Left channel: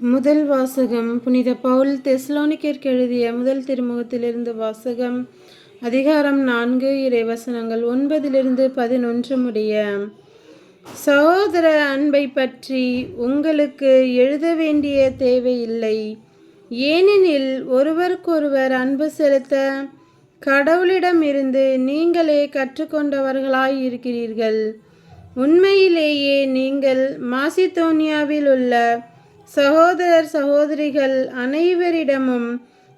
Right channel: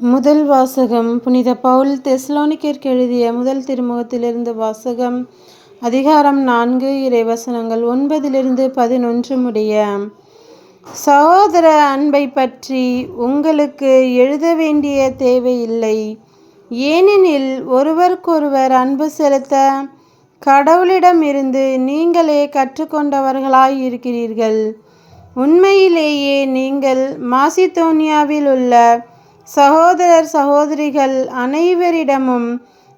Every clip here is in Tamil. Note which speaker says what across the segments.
Speaker 1: முதல் வாசகம் புனித பவுல் தெஸ்லோனிக்கிற்கு எழுதிய முதல் திருமுகத்திலிருந்து வாசகம் அதிகாரம் நான்கு இறைவசனங்கள் ஒன்பதிலிருந்து பதினொன்று முடிய சகோதர அன்பை பற்றி உங்களுக்கு எழுத வேண்டிய தேவையில்லை ஏனெனில் ஒருவருக்கொருவர் அன்பு செலுத்த கடவுளிடமிருந்து நீங்களே கற்றுக்கொண்டவர்களாய் இருக்கிறீர்கள். உண்மையிலேயே நீங்கள் மாசிதோனியாவில் உள்ள சகோதரர் சகோதரிகள் அனைவரிடமும்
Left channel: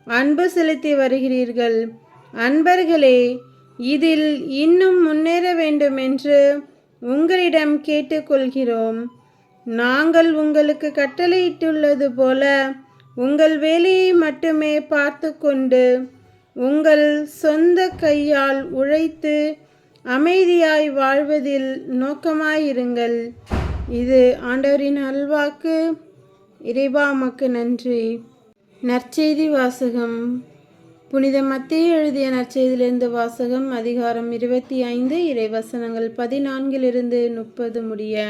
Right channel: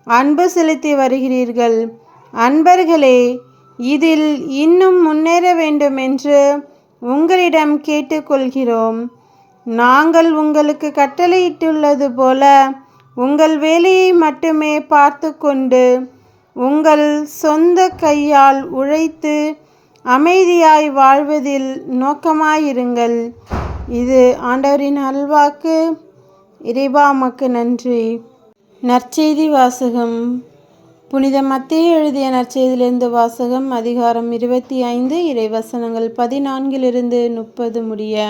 Speaker 1: அன்பு செலுத்தி வருகிறீர்கள். அன்பர்களே இதில் இன்னும் முன்னேற வேண்டும் என்று உங்களிடம் கேட்டுக்கொள்கிறோம். நாங்கள் உங்களுக்கு கட்டளையிட்டுள்ளது போல உங்கள் வேலையை மட்டுமே பார்த்து கொண்டு உங்கள் சொந்த கையால் உழைத்து அமைதியாய் வாழ்வதில் நோக்கமாயிருங்கள். இது ஆண்டவரின் அல்வாக்கு இறைவாமக்கு நன்றி. நற்செய்தி வாசகம். புனித மத்திய எழுதிய நற்செய்தியிலிருந்து வாசகம் அதிகாரம் இருபத்தி ஐந்து இறைவசனங்கள் பதினான்கிலிருந்து முப்பது முடிய.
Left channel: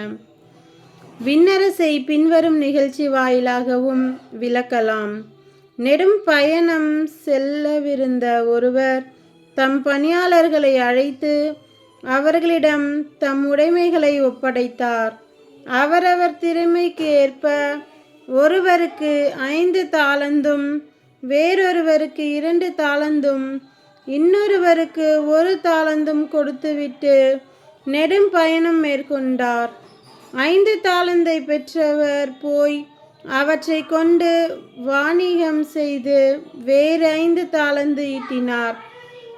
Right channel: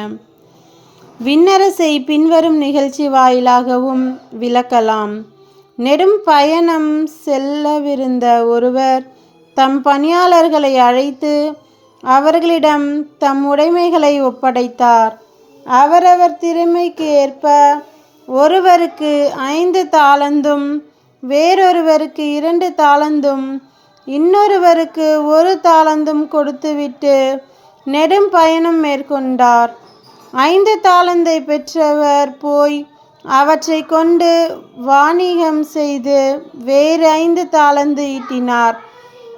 Speaker 1: விண்ணரசை பின்வரும் நிகழ்ச்சி வாயிலாகவும் விளக்கலாம். நெடும் பயணம் செல்லவிருந்த ஒருவர் தம் பணியாளர்களை அழைத்து அவர்களிடம் தம் உடைமைகளை ஒப்படைத்தார். அவரவர் திறமைக்கு ஏற்ப ஒருவருக்கு ஐந்து தாளந்தும் வேறொருவருக்கு இரண்டு தாளந்தும் இன்னொருவருக்கு ஒரு தாளந்தும் கொடுத்துவிட்டு நெடும் பயணம் மேற்கொண்டார். ஐந்து தாளந்தை பெற்றவர் போய் அவற்றை கொண்டு வாணிகம் செய்து வேறு ஐந்து தாளந்து ஈட்டினார்.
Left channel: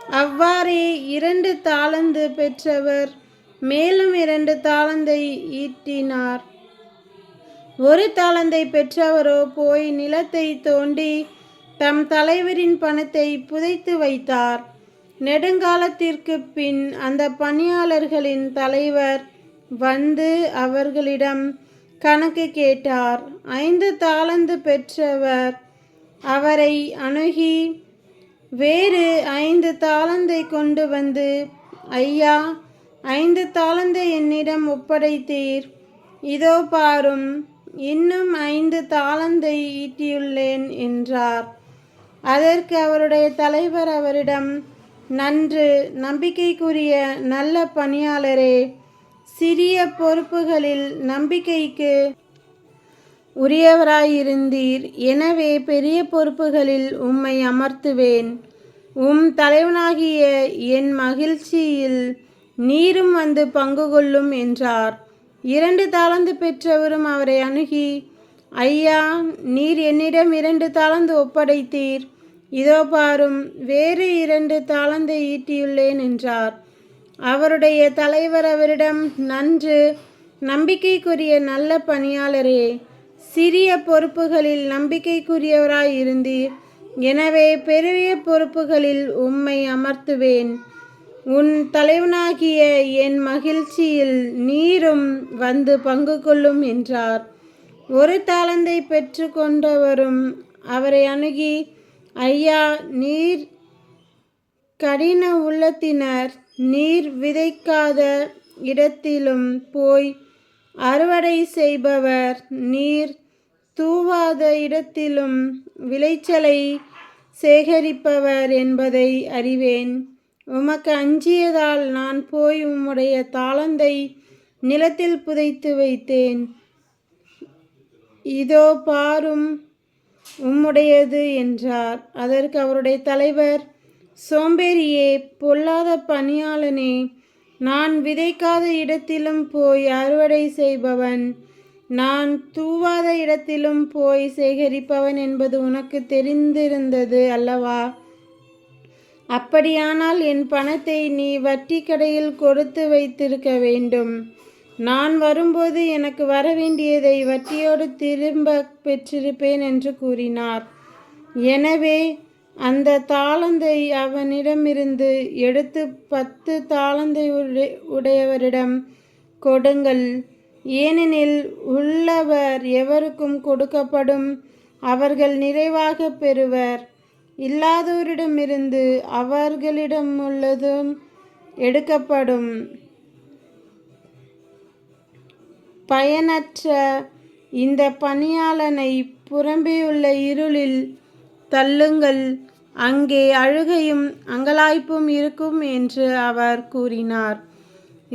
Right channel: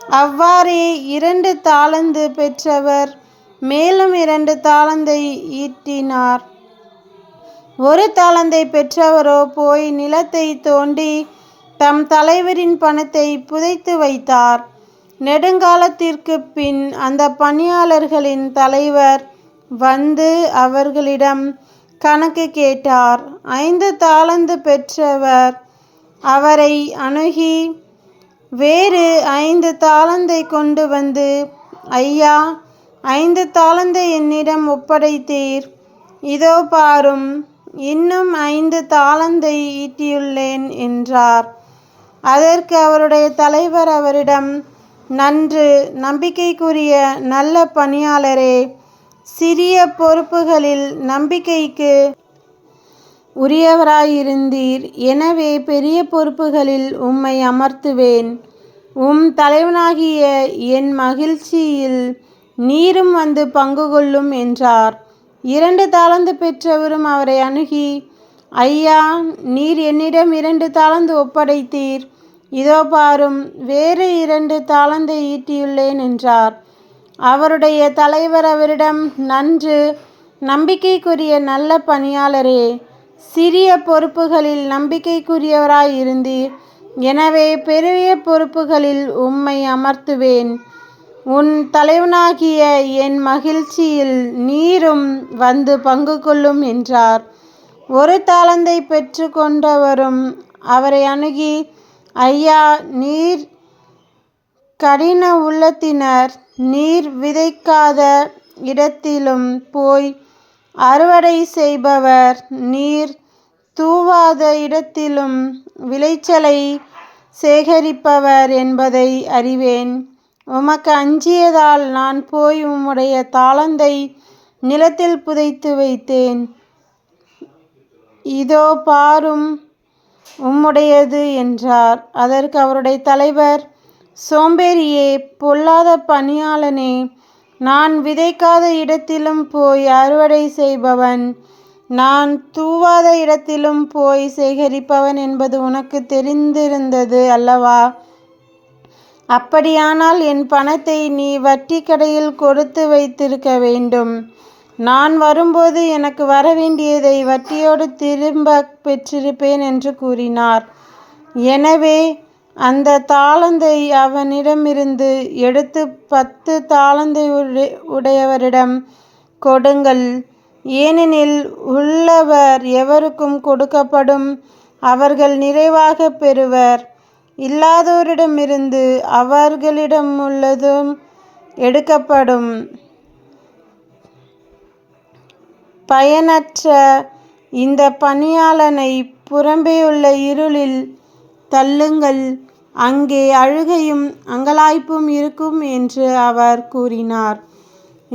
Speaker 1: அவ்வாறே இரண்டு தாளந்து பெற்றவர் மேலும் இரண்டு தாளந்தை ஈட்டினார். ஒரு தாளந்தை பெற்றவரோ போய் நிலத்தை தோண்டி தம் தலைவரின் பணத்தை புதைத்து வைத்தார். நெடுங்காலத்திற்கு பின் அந்த பணியாளர்களின் தலைவர் வந்து அவர்களிடம் கணக்கு கேட்டார். ஐந்து தாளந்து பெற்றவர் அவரை அணுகி வேறு ஐந்து தாளந்தை கொண்டு வந்து ஐயா ஐந்து தாளந்தை என்னிடம் ஒப்படைத்தீர். இதோ பாரும். இன்னும் ஐந்து தாளந்தை ஈட்டியுள்ளேன் என்றார். அதற்கு அவருடைய தலைவர் அவரிடம் நன்று நம்பிக்கைக்குரிய நல்ல பணியாளரே சிறிய பொறுப்புகளில் நம்பிக்கைக்கு உரியவராயிருந்தீர். எனவே பெரிய பொறுப்புகளில் உம்மை அமர்த்துவேன். உம் தலைவனாகிய என் மகிழ்ச்சியில் நீரும் வந்து பங்கு கொள்ளும் என்றார். இரண்டு தாளந்து பெற்றவரும் அவரை அணுகி ஐயா நீர் என்னிடம் இரண்டு தாளந்து ஒப்படைத்தீர். இதோ பாரும் வேறு இரண்டு தாளந்தை ஈட்டியுள்ளேன் என்றார். அவருடைய தலைவர் அவரிடம் நன்று நம்பிக்கைக்குரிய நல்ல பணியாளரே சிறிய பொறுப்புகளில் நம்பிக்கைக்குரியவராய் இருந்தீர். எனவே பெரிய பொறுப்புகளில் உம்மை அமர்த்துவேன். உன் தலைவனாகிய என் மகிழ்ச்சியில் நீரும் வந்து பங்கு கொள்ளும் என்றார். ஒரு தாளந்தை பெற்று கொண்டவரும் அவரை அணுகி ஐயா நீர் கடின உள்ளத்தினர் நீர் விதைக்காத இடத்திலும் போய் அறுவடை செய்பவர் நீர் தூவாத இடத்திலும் விளைச்சலை சேகரிப்பவர் என்பதை அறிவேன். உமக்கு அஞ்சியதால் நான் போய் உம்முடைய தாளந்தை நிலத்தில் புதைத்து வைத்தேன். இதோ பாரும் உம்முடையது என்றார். அதற்கு அவருடைய தலைவர் சோம்பேறியே பொல்லாத பணியாளனே நான் விதைக்காத இடத்திலும் போய் அறுவடை செய்பவன் நான் தூவாத இடத்திலும் போய் சேகரிப்பவன் என்பது உனக்கு தெரிந்திருந்தது அல்லவா? அப்படியானால் என் பணத்தை நீ வட்டி கடையில் கொடுத்து வைத்திருக்க வேண்டும். நான் வரும்போது எனக்கு வரவேண்டியதை வட்டியோடு திரும்ப பெற்றிருப்பேன் என்று கூறினார். எனவே அந்த தாளந்தை அவனிடமிருந்து எடுத்து பத்து தாளந்தை உடையவரிடம் கொடுங்கள். ஏனெனில் உள்ளவர் எவருக்கும் கொடுக்கப்படும் அவர்கள் நிறைவாக பெறுவர். இல்லாதோரிடமிருந்து அவர்களிடமுள்ளதும் எடுக்கப்படும். பயனற்ற இந்த பணியாளனை புறம்பே உள்ள இருளில் தள்ளுங்கள். அங்கே அழுகையும் அங்கலாய்ப்பும் இருக்கும் என்று அவர் கூறினார்.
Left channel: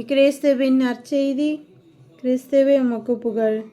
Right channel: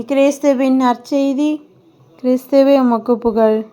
Speaker 1: கிறிஸ்துவின் நற்செய்தி கிறிஸ்துவே உமக்கு புகழ்.